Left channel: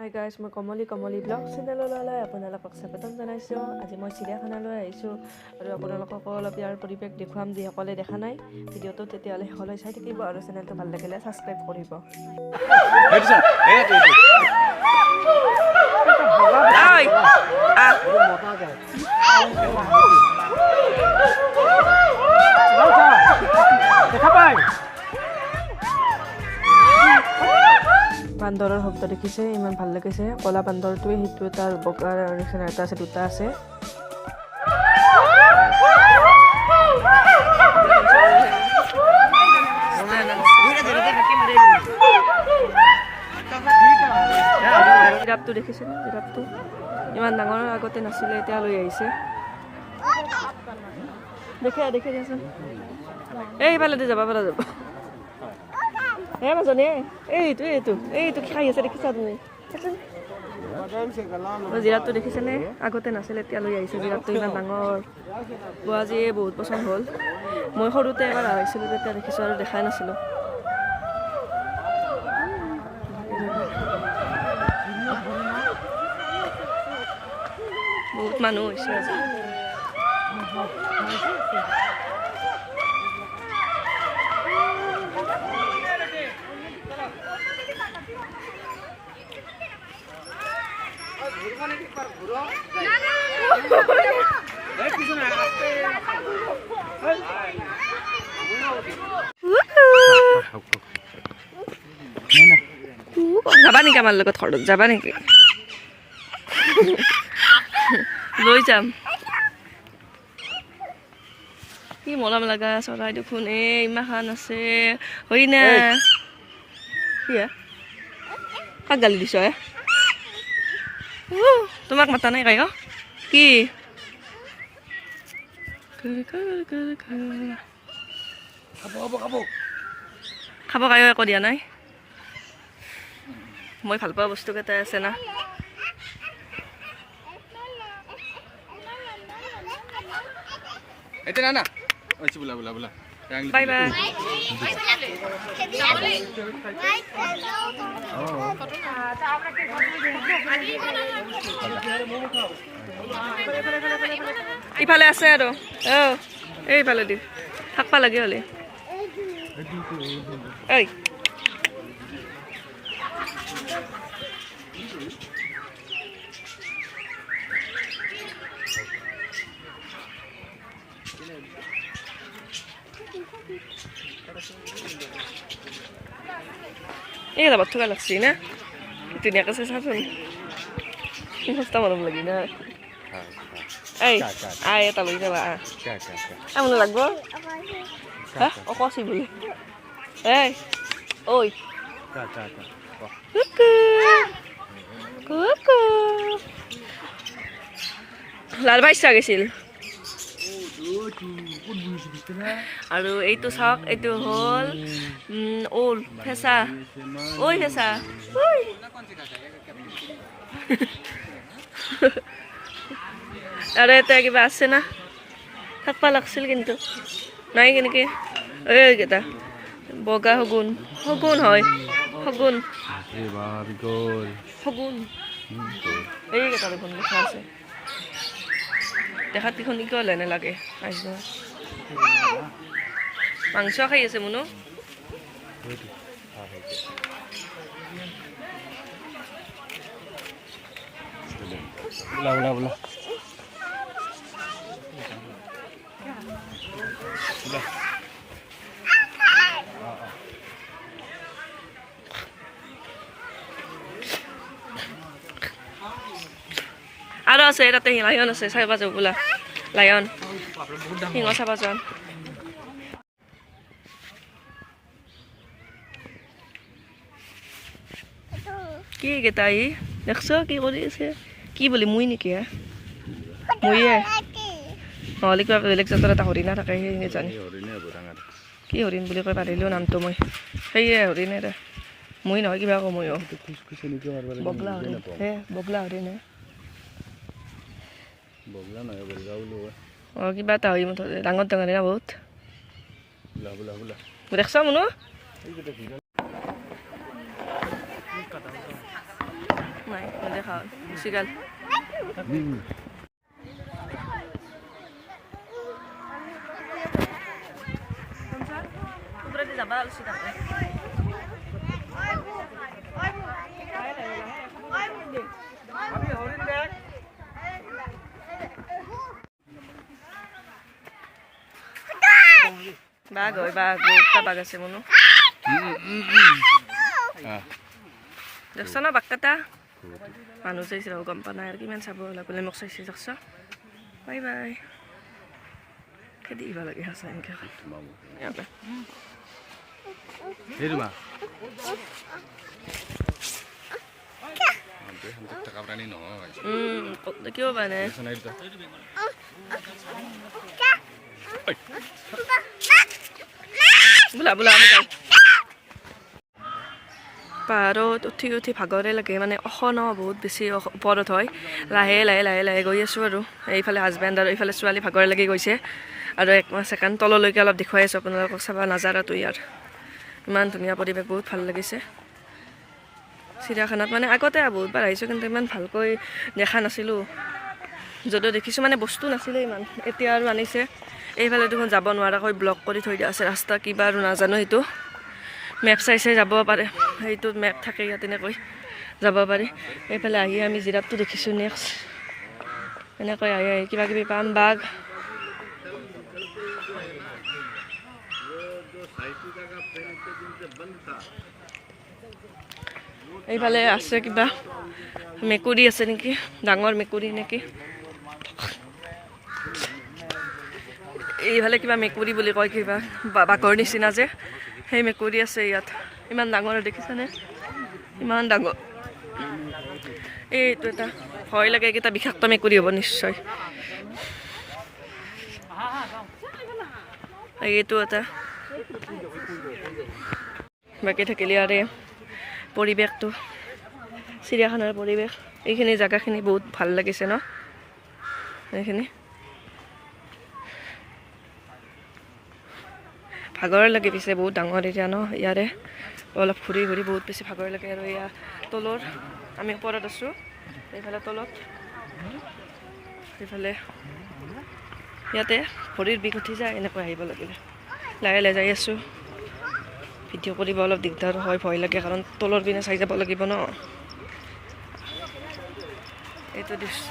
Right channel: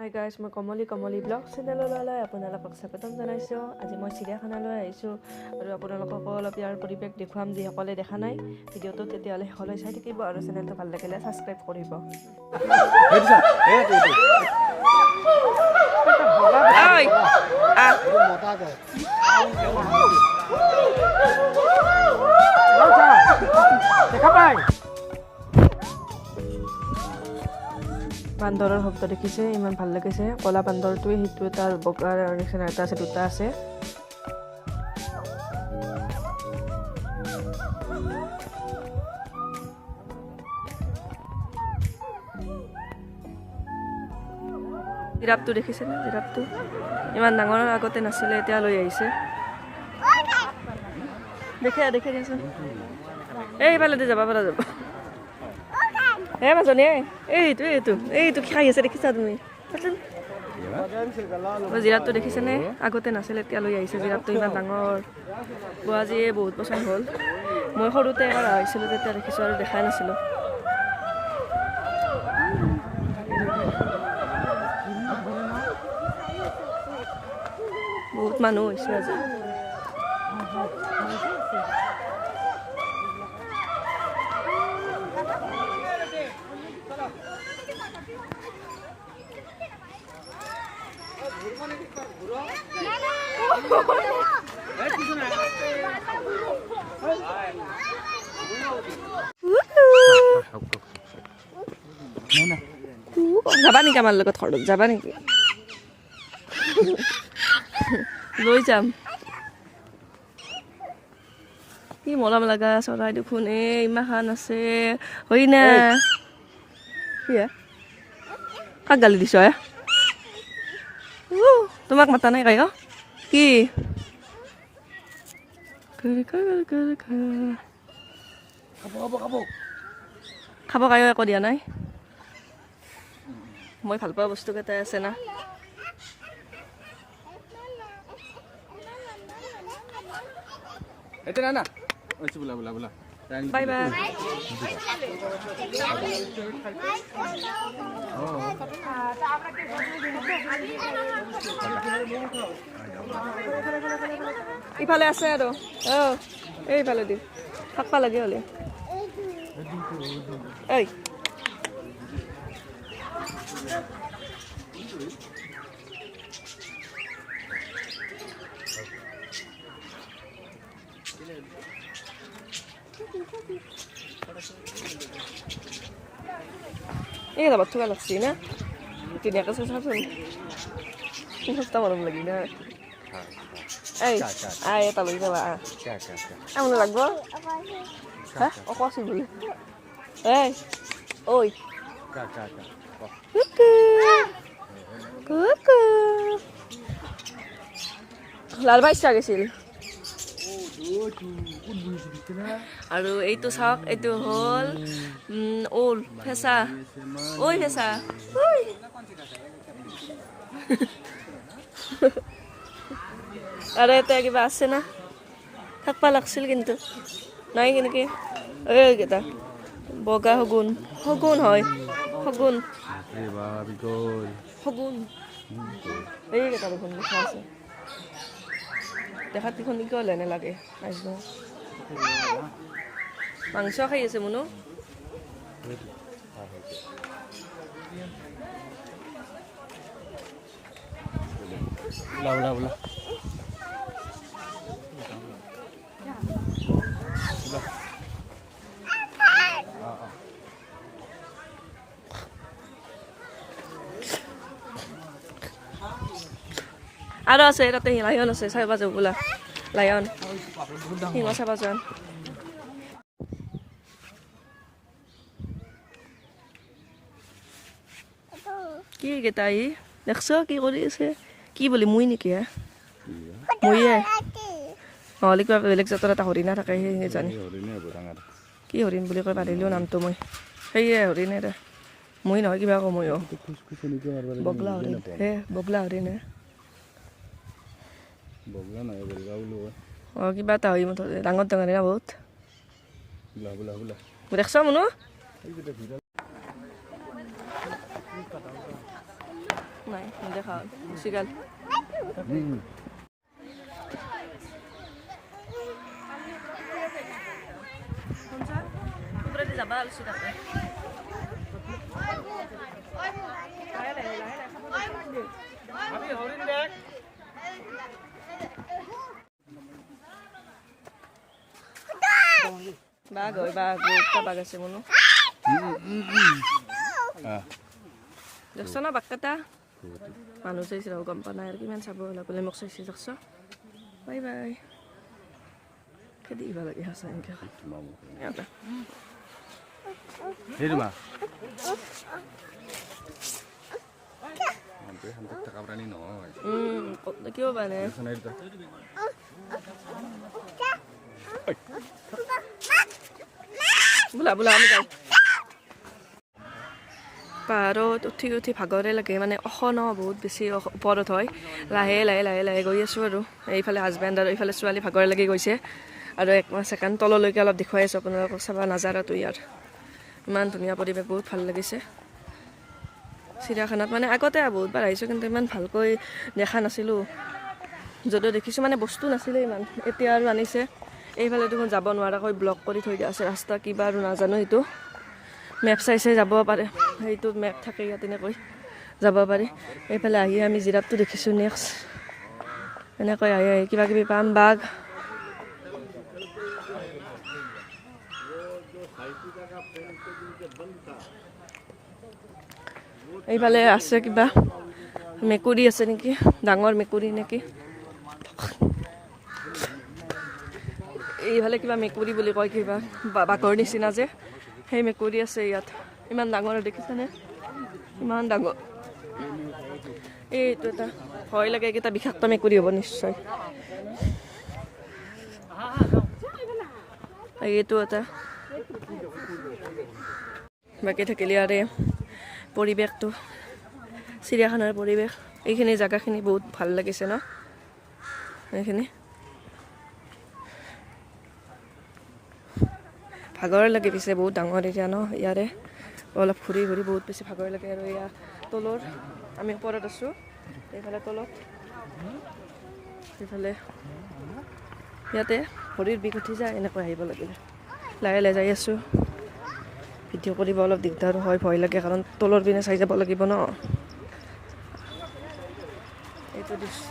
Hi guys, মই কমলি blog চেনেললৈ আপোনালোকক স্বাগতম জনাইছোঁ। আজি মই চিৰিয়াখানালৈ আহিছোঁ আৰু আপোনালোকক অলপ ইয়াৰ পৰিৱেশ দেখুৱাম। যিসকলে দেখা নাই ভিডিঅ'টো তেতিয়াহ'লে শেষলৈ চাই থাকিব আৰু চেনেলটো ভাল লাগিলে ছাবস্ক্ৰাইব কৰিব। বান্দৰৰ শব্দ দেখিছে, ইমান ভাল লাগিছে। কলা বান্দৰটোৱে সেইটো তাৰ বগাৰ নিচিনা এটা আছে, দুটা আছে। জিৰাফটো দেখিছেনে? জিৰাফটো ইমান ডাঙৰ আগতে নাছিলে, এতিয়া লৈ আহিছে। দেখে দিয়াচোন। এইফালে দি যাব পৰা যাব। মাজনী এইটো কি খাই আছে দেখিছা তুমি? জিৰাফটো দেখিছেনে? আগতে নাছিলে, এতিয়া লৈ আহিছে। জিৰাফটো ইমান ডাঙৰ আজি বহুত বছৰ হ'ল। মই সৰুতে এবাৰ আহিছিলোঁ, তেতিয়া দেখিছোঁ আৰু দেখাই নাছিলোঁ। বহুত মানুহ হৈছে আজি। যাবা নেকি আমাৰ লগত? ঘৰত যাবা নেকি? লৈ যাম। কি মৰম লগা চৰাই দেখোন, ইমান আছে। হয় না? কি কাক গালি দিছ? তোমাক মাতা নাই কাই? কি খাব কায়ো একো দিয়া নাই। মই ভাল পোৱা বস্তু কেইটাই আছে না। Bye bye. ইফালে আছে আৰু এইফালে দি থাকবা লাগে হলে। এইকেইটা বাদ থকা লাগছি না, ধুনীয়াকৈ চাই চাচোন। সস্তা মৰম লাগি না। এটা লৈ যাবা। আমোক লাগব অকছি বোলে। লাল ইচ্ছা গৈছিল। আৰু এইটো চাওক, এইটো হ'ল ওল ফেঁচা। ফেঁচা আৰু এটা কিবা আছে না, থাকবা লাগছিল কিন্তু নাই। কেনেকে এইকেইটা বগা শগুন হয়। শগুন এইকেইটা দেখোন লিখা আছে। দেখাত দেখোন কিয় হ'লে নালাগে। মাংস খাই আছে মনো। আৰু আছে তাতে লায়ন আছে, চাবা যাব বোলা। লায়ন সিংহ চাবা যাম। কি কেইটা দেখছ কি কৰি আছে? কি বুলি মুই নেকি? মুইয়ে নহ'লে কিবা বেলেগ জাতৰ এটা হৰিণা থাকে, সেই জানি কি হৰিণ বুলি কয় পাৰিলেও নামটো মই। সেয়ে হৰিণে দে, মই নহয় কিবা কওঁ। মই বগলা হৰিণ। বগলা হৰিণ কিবা এটা হয় মুঠতে। ডাঙৰ না বহুত। দেখছ মনো? নাই নেদেখা চিগাল যাবা উচিত বাঘ হয় বাঘ বহুতটা বাঘ আছে মনো দেখছ না বাঘ কেইটা মানুহ চাইছে গম পোৱা নাই আৰু কিমান চাব লাগলে মোক চাইছে দেখছ বাই বাই খেদি দিব লাগে সঁচা এনেকৈ ইয়াতে কিয় পাই নাই বোলা বোলা আমি যাওঁ পাহাৰত উঠি উঠি ভাগৰে লাগে মানে ন বহুত বেছি ওপৰত হয় লাহে লাহে লাহে লাহে গৈ আছোঁ আৰু এইফালে হাজবেণ্ড আৰু এইফালে ছোৱালী ভাগৰে লাগি গৈছে আৰু এক ছেকেণ্ড তললৈকে অলপ দেখুৱাই আছোঁ আপোনালোকক চাব নাজাৰাটো ইয়াৰ ইমান ধুনীয়া পৰিৱেশ বহুত ভাল লাগিছে চিৰিয়াখানাত মানে আগতে বহুতবাৰ আহিছোঁ কিন্তু ইমান ভালকৈ দেখা নাছিলোঁ যদিও দেখিছোঁ মানে বস্তু নাছিলে ইমান এতিয়া আৰু আনিছে এইফালে দেখোন যাব নোৱাৰাকৈ ব্লক কৰি থৈ দিয়া আছে ৰাস্তা কিবা আৰু নাজানো সেইটো মেপ চাই চাই যাব পাৰে সেইটো মেপ থাকে ইয়াত এনেকৈ যাব পাৰি এইফালে আহি আমি জিৰাফটো দেখিছোঁ নেক্সট এনেকৈ আহি আহি কিবা কিবি পাম বাঘ এইফালে আছে কিবা মেকুৰী আছে নেকি ডাঙৰ মেকুৰী নেকি এইফালে কিবা মেকুৰী বুলি কয় কিবা বাঘৰ নিচিনা যে সেই মেকুৰী আছে ইয়াত ইমান ডাঙৰ দেখিছানে ইমান ডাঙৰ এইটো এটা ভয় লাগে এইকেইটা বিষাক্ত মেকুৰী হ'ব নিশ্চয় এইটো এটা বাকী থাকিলে আৰু পৰিৱেশটো চিৰিয়াখানাৰ পৰিৱেশ এইখিনি জেগাখিনি বহুত ভাল লাগিছে ন এইখিনি ভাগৰ লাগে পিছে বহুত ডাঙৰ এৰিয়া ন ইয়াৰে অলপ ঘূৰি ঘূৰি বহুত বেছি ভাগৰ লাগে আৰু এয়া তলৰ আমি ওপৰত আছোঁ এইফালে তলত এইফালে ইয়াতে ভৰিৰ বিষ উঠি যায় এনেকৈ আহিব লাগে লাহে লাহে যাই আছোঁ ভিডিঅ' কৰিব অলপ দিগদাৰ হয় ভয় লাগে কাৰণ তলৰ পিনে চাই যাব লাগিব ন এইটো দৃশ্য